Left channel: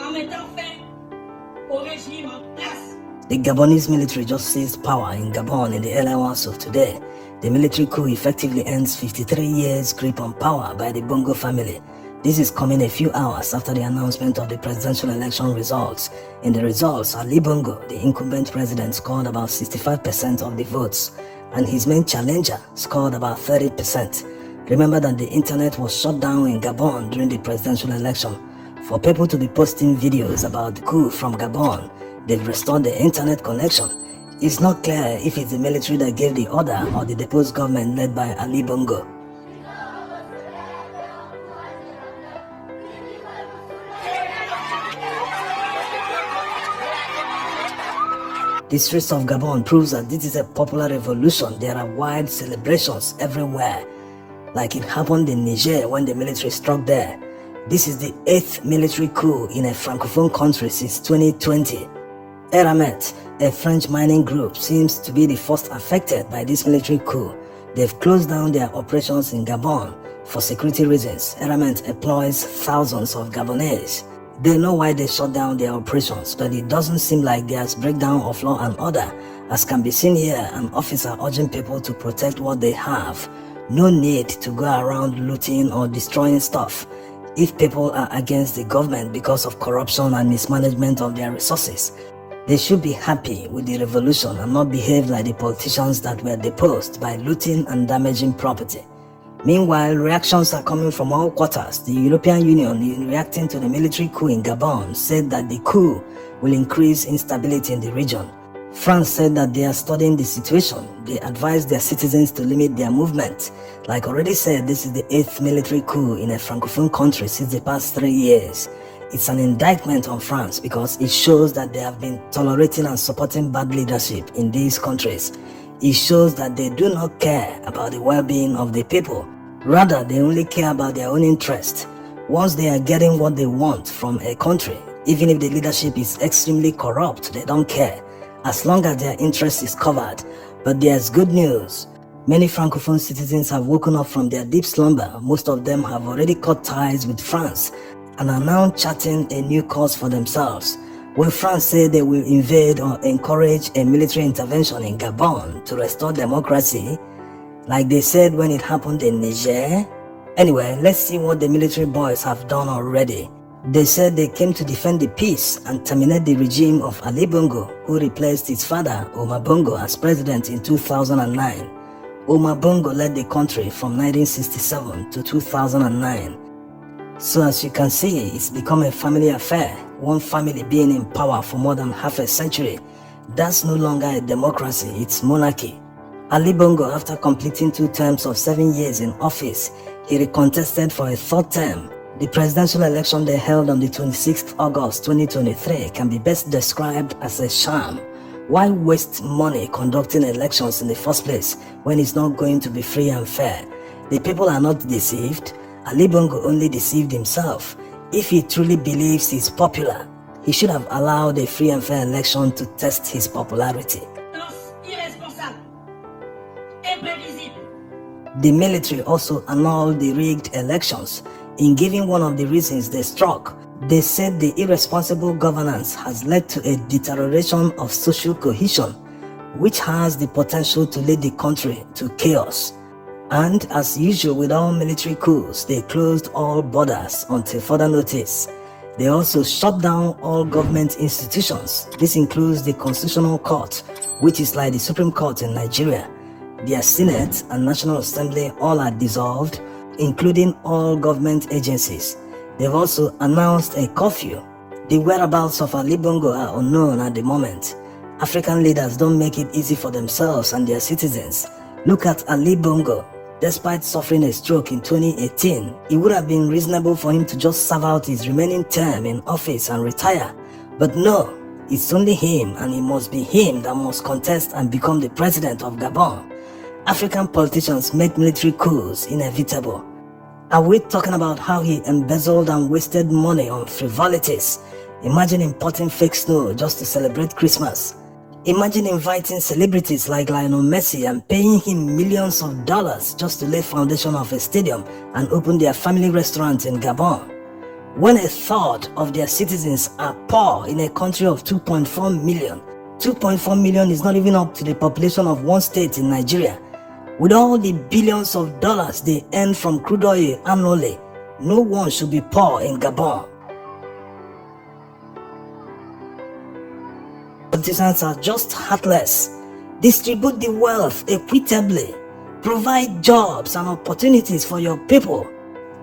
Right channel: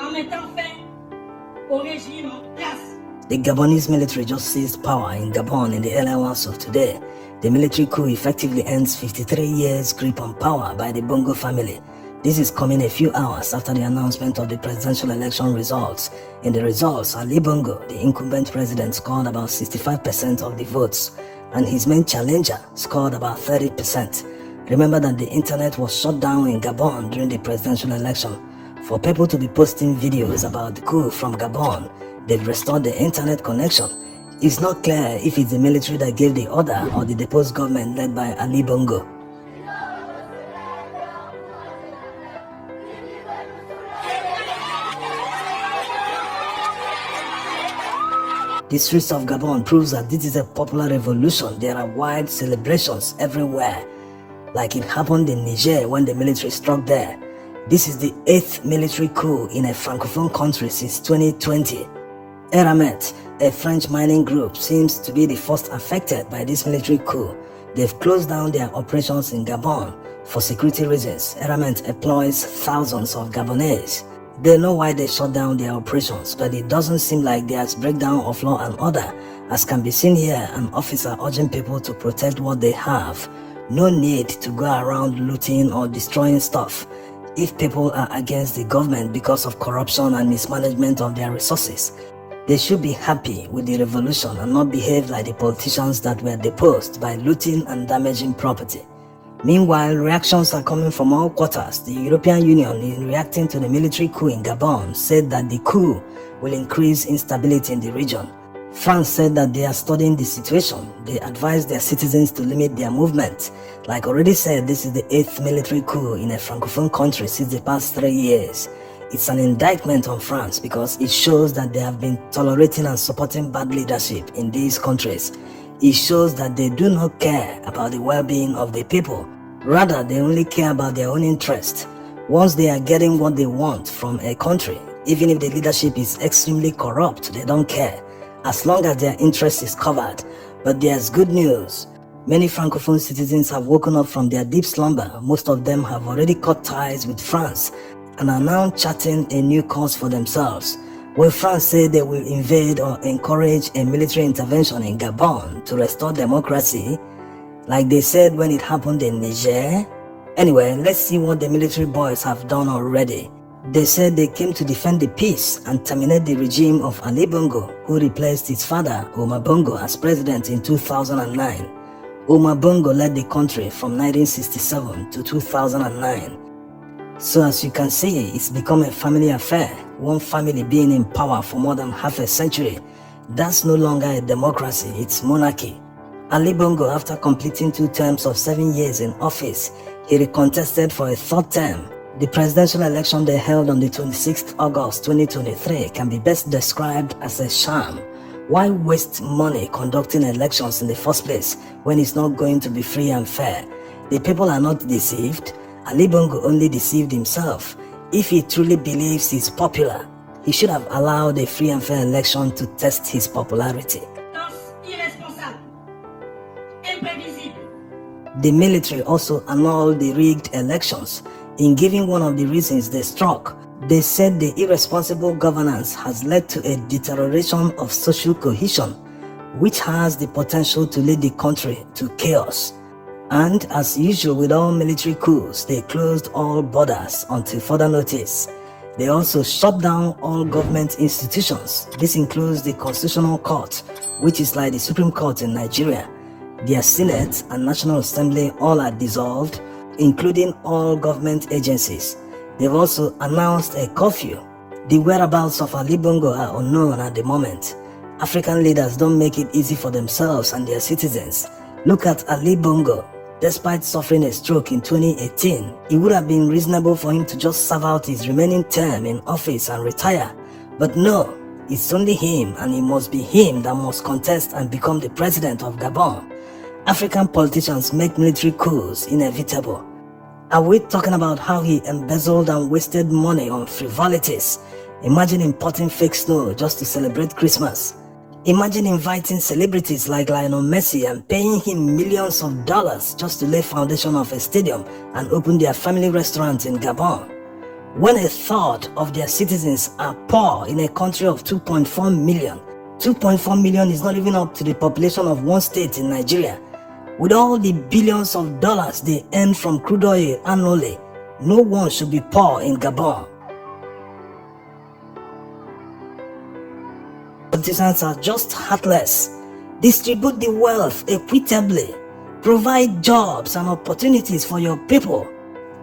en mettant fin au régime en place. The Gabonese military just seized power in Gabon in the early hours of today. The military coup effectively ends 53 years' grip on power by the Bongo family. This is coming a few hours after the announcement of the presidential election results. In the results, Ali Bongo, the incumbent president, scored about 65% of the votes, and his main challenger scored about 30%. Remember that the internet was shut down in Gabon during the presidential election. For people to be posting videos about the coup from Gabon, they've restored the internet connection. It's not clear if it's the military that gave the order or the deposed government led by Ali Bongo. The streets of Gabon proves that this is a popular revolution. There are wide celebrations everywhere, like it happened in Niger when the military struck there. This is the 8th military coup in a francophone country since 2020. Eramet, a French mining group, seems to be the first affected by this military coup. They've closed down their operations in Gabon for security reasons. Eramet employs thousands of Gabonese. They know why they shut down their operations, but it doesn't seem like there's breakdown of law and order. As can be seen here, an officer urging people to protect what they have. No need to go around looting or destroying stuff. If people are against the government because of corruption and mismanagement of their resources, they should be happy with the revolution and not behave like the politicians that were deposed by looting and damaging property. Meanwhile, reactions are coming from all quarters. The European Union, in reacting to the military coup in Gabon, said that the coup will increase instability in the region. France said that they are studying the situation. They advised their citizens to limit their movement. Like already said, this is the 8th military coup in a francophone country since the past 3 years. It's an indictment on France because it shows that they have been tolerating and supporting bad leadership in these countries. It shows that they do not care about the well-being of the people. Rather, they only care about their own interest. Once they are getting what they want from a country, even if the leadership is extremely corrupt, they don't care, as long as their interest is covered. But there's good news. Many francophone citizens have woken up from their deep slumber. Most of them have already cut ties with France and are now charting a new course for themselves. When France say they will invade or encourage a military intervention in Gabon to restore democracy, like they said when it happened in Niger. Anyway, let's see what the military boys have done already. They said they came to defend the peace and terminate the regime of Ali Bongo, who replaced his father, Omar Bongo, as president in 2009. Omar Bongo led the country from 1967 to 2009. So as you can see, it's become a family affair, one family being in power for more than half a century. That's no longer a democracy, it's monarchy. Ali Bongo, after completing 2 terms of 7 years in office, he recontested for a 3rd term. The presidential election they held on the 26th August 2023 can be best described as a sham. Why waste money conducting elections in the first place when it's not going to be free and fair? The people are not deceived. Ali Bongo only deceived himself. If he truly believes he's popular, he should have allowed a free and fair election to test his popularity. The military also annulled the rigged elections. In giving one of the reasons they struck, they said the irresponsible governance has led to a deterioration of social cohesion, which has the potential to lead the country to chaos. And as usual with all military coups, they closed all borders until further notice. They also shut down all government institutions. This includes the Constitutional Court, which is like the Supreme Court in Nigeria. Their Senate and National Assembly all are dissolved, including all government agencies. They've also announced a curfew. The whereabouts of Ali Bongo are unknown at the moment. African leaders don't make it easy for themselves and their citizens. Look at Ali Bongo. Despite suffering a stroke in 2018, it would have been reasonable for him to just serve out his remaining term in office and retire. But no, it's only him, and it must be him that must contest and become the president of Gabon. African politicians make military coups inevitable. Are we talking about how he embezzled and wasted money on frivolities? Imagine importing fake snow just to celebrate Christmas. Imagine inviting celebrities like Lionel Messi and paying him millions of dollars just to lay foundation of a stadium and open their family restaurant in Gabon. When a third of their citizens are poor in a country of 2.4 million, 2.4 million is not even up to the population of one state in Nigeria. With all the billions of dollars they earn from crude oil annually, no one should be poor in Gabon. Politicians are just heartless. Distribute the wealth equitably. Provide jobs and opportunities for your people.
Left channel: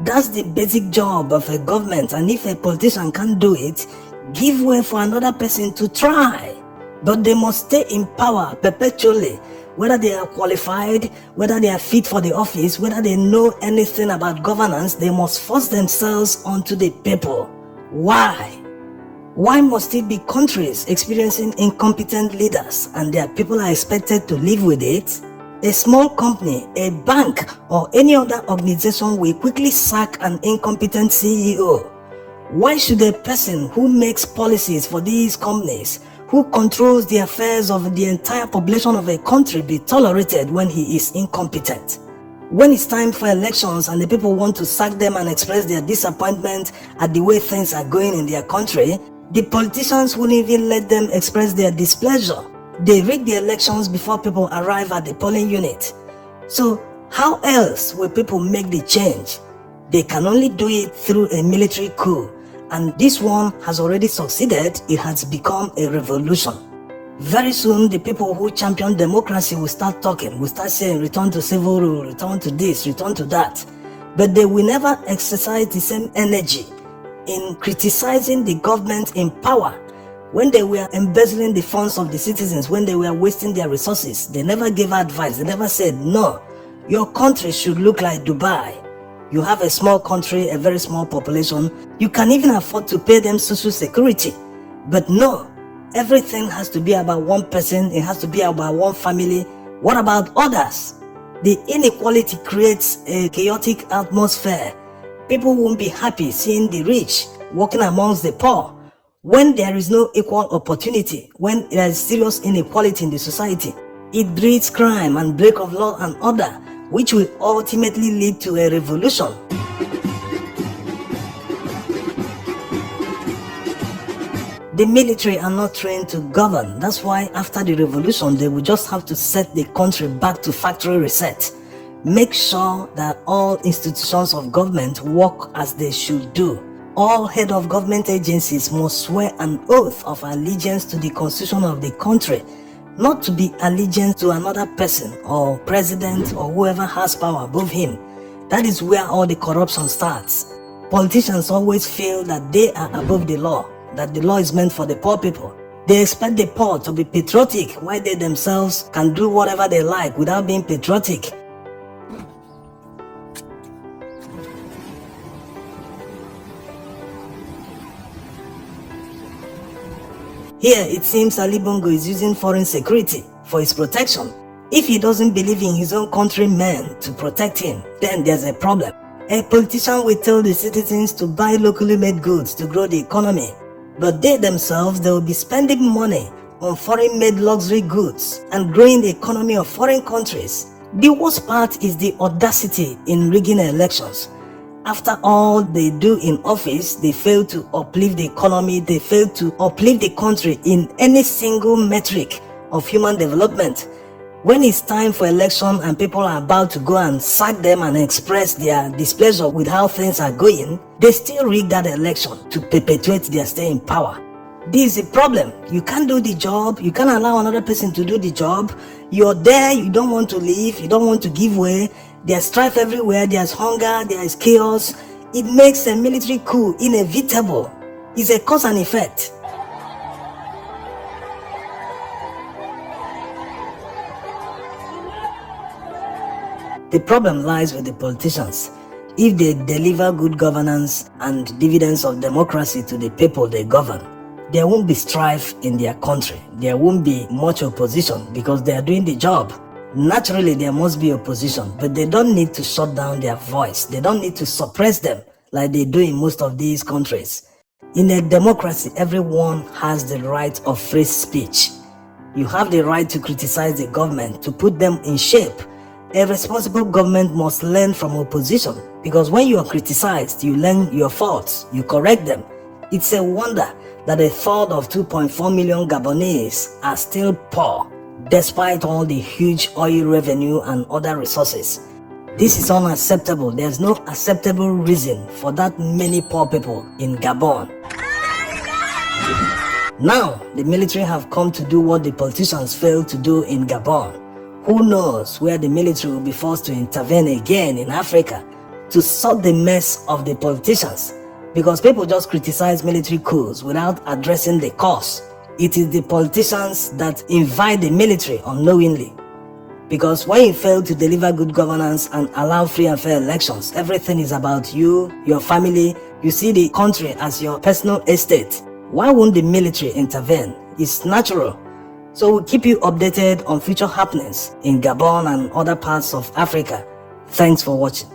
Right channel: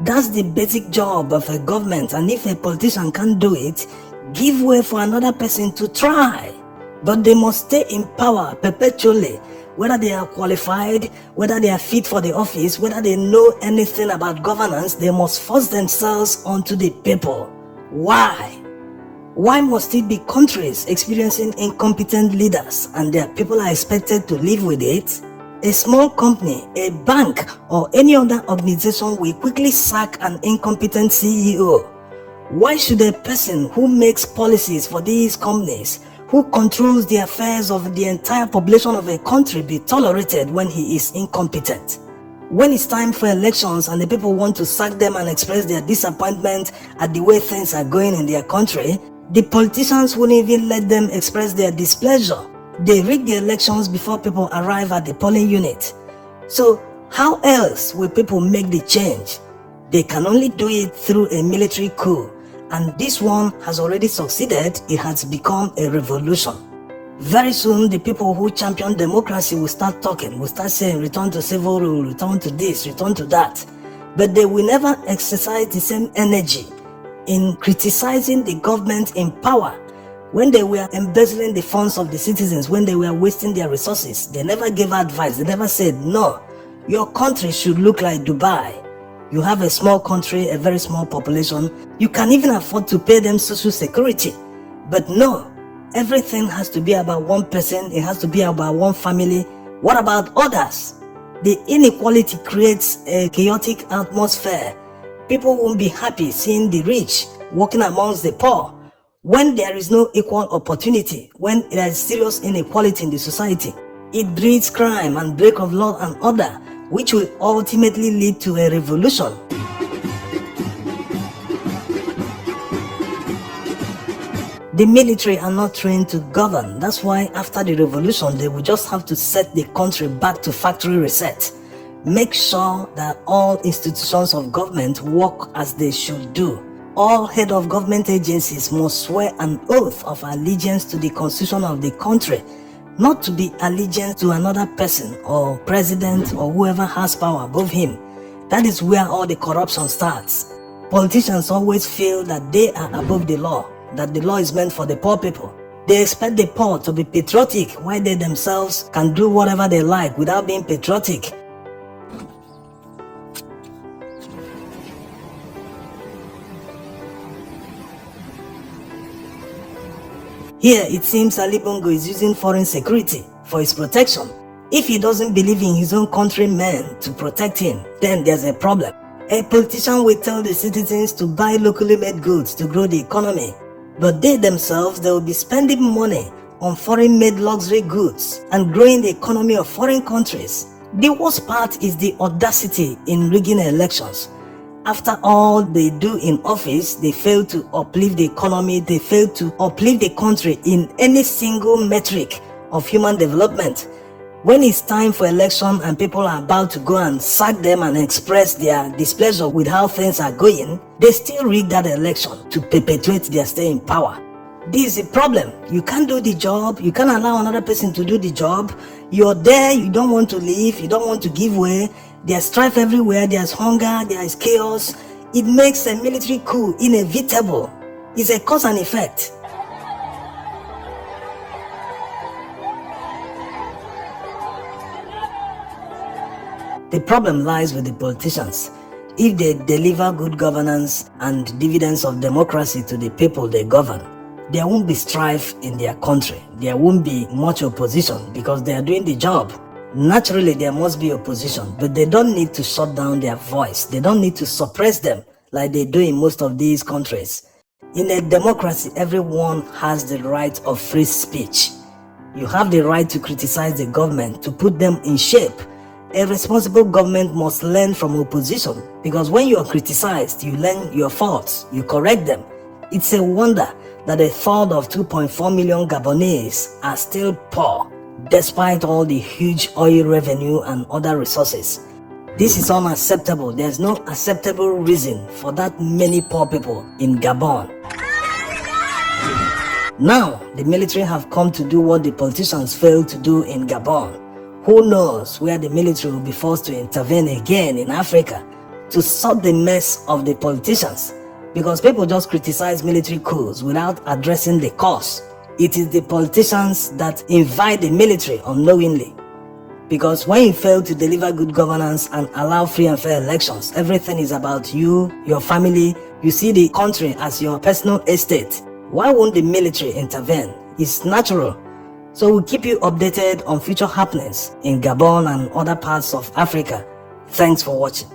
That's the basic job of a government, and if a politician can't do it, give way for another person to try. But they must stay in power perpetually, whether they are qualified, whether they are fit for the office, whether they know anything about governance. They must force themselves onto the people. Why? Why must it be countries experiencing incompetent leaders and their people are expected to live with it? A small company, a bank, or any other organization will quickly sack an incompetent CEO. Why should a person who makes policies for these companies, who controls the affairs of the entire population of a country, be tolerated when he is incompetent? When it's time for elections and the people want to sack them and express their disappointment at the way things are going in their country, the politicians wouldn't even let them express their displeasure. They rig the elections before people arrive at the polling unit. So how else will people make the change? They can only do it through a military coup, and this one has already succeeded. It has become a revolution. Very soon the people who champion democracy will start talking, will start saying return to civil rule, return to this, return to that. But they will never exercise the same energy in criticizing the government in power. When they were embezzling the funds of the citizens, when they were wasting their resources, they never gave advice. They never said, no, your country should look like Dubai. You have a small country, a very small population. You can even afford to pay them social security. But no, everything has to be about one person. It has to be about one family. What about others? The inequality creates a chaotic atmosphere. People won't be happy seeing the rich walking amongst the poor. When there is no equal opportunity, when there is serious inequality in the society, it breeds crime and break of law and order, which will ultimately lead to a revolution. The military are not trained to govern. That's why after the revolution, they will just have to set the country back to factory reset. Make sure that all institutions of government work as they should do. All head of government agencies must swear an oath of allegiance to the constitution of the country, not to be allegiance to another person or president or whoever has power above him. That is where all the corruption starts. Politicians always feel that they are above the law, that the law is meant for the poor people. They expect the poor to be patriotic while they themselves can do whatever they like without being patriotic. Here, it seems Ali Bongo is using foreign security for his protection. If he doesn't believe in his own countrymen to protect him, then there's a problem. A politician will tell the citizens to buy locally made goods to grow the economy, but they themselves, they will be spending money on foreign-made luxury goods and growing the economy of foreign countries. The worst part is the audacity in rigging elections. After all they do in office, they fail to uplift the economy, they fail to uplift the country in any single metric of human development. When it's time for election and people are about to go and sack them and express their displeasure with how things are going, they still rig that election to perpetuate their stay in power. This is a problem. You can't do the job, you can't allow another person to do the job. You're there, you don't want to leave, you don't want to give way. There's strife everywhere, there's hunger, there is chaos. It makes a military coup inevitable. It's a cause and effect. The problem lies with the politicians. If they deliver good governance and dividends of democracy to the people they govern, there won't be strife in their country. There won't be much opposition because they are doing the job. Naturally, there must be opposition, but they don't need to shut down their voice. They don't need to suppress them like they do in most of these countries. In a democracy, everyone has the right of free speech. You have the right to criticize the government, to put them in shape, A responsible government must learn from opposition, because when you are criticized, you learn your faults, you correct them. It's a wonder that a third of 2.4 million Gabonese are still poor, despite all the huge oil revenue and other resources. This is unacceptable. There's no acceptable reason for that many poor people in Gabon. Now, the military have come to do what the politicians failed to do in Gabon. Who knows where the military will be forced to intervene again in Africa to sort the mess of the politicians, because people just criticize military coups without addressing the cause. It is the politicians that invite the military unknowingly, because when you fail to deliver good governance and allow free and fair elections, everything is about you, your family. You see the country as your personal estate. Why won't the military intervene? It's natural. So we'll keep you updated on future happenings in Gabon and other parts of Africa. Thanks for watching.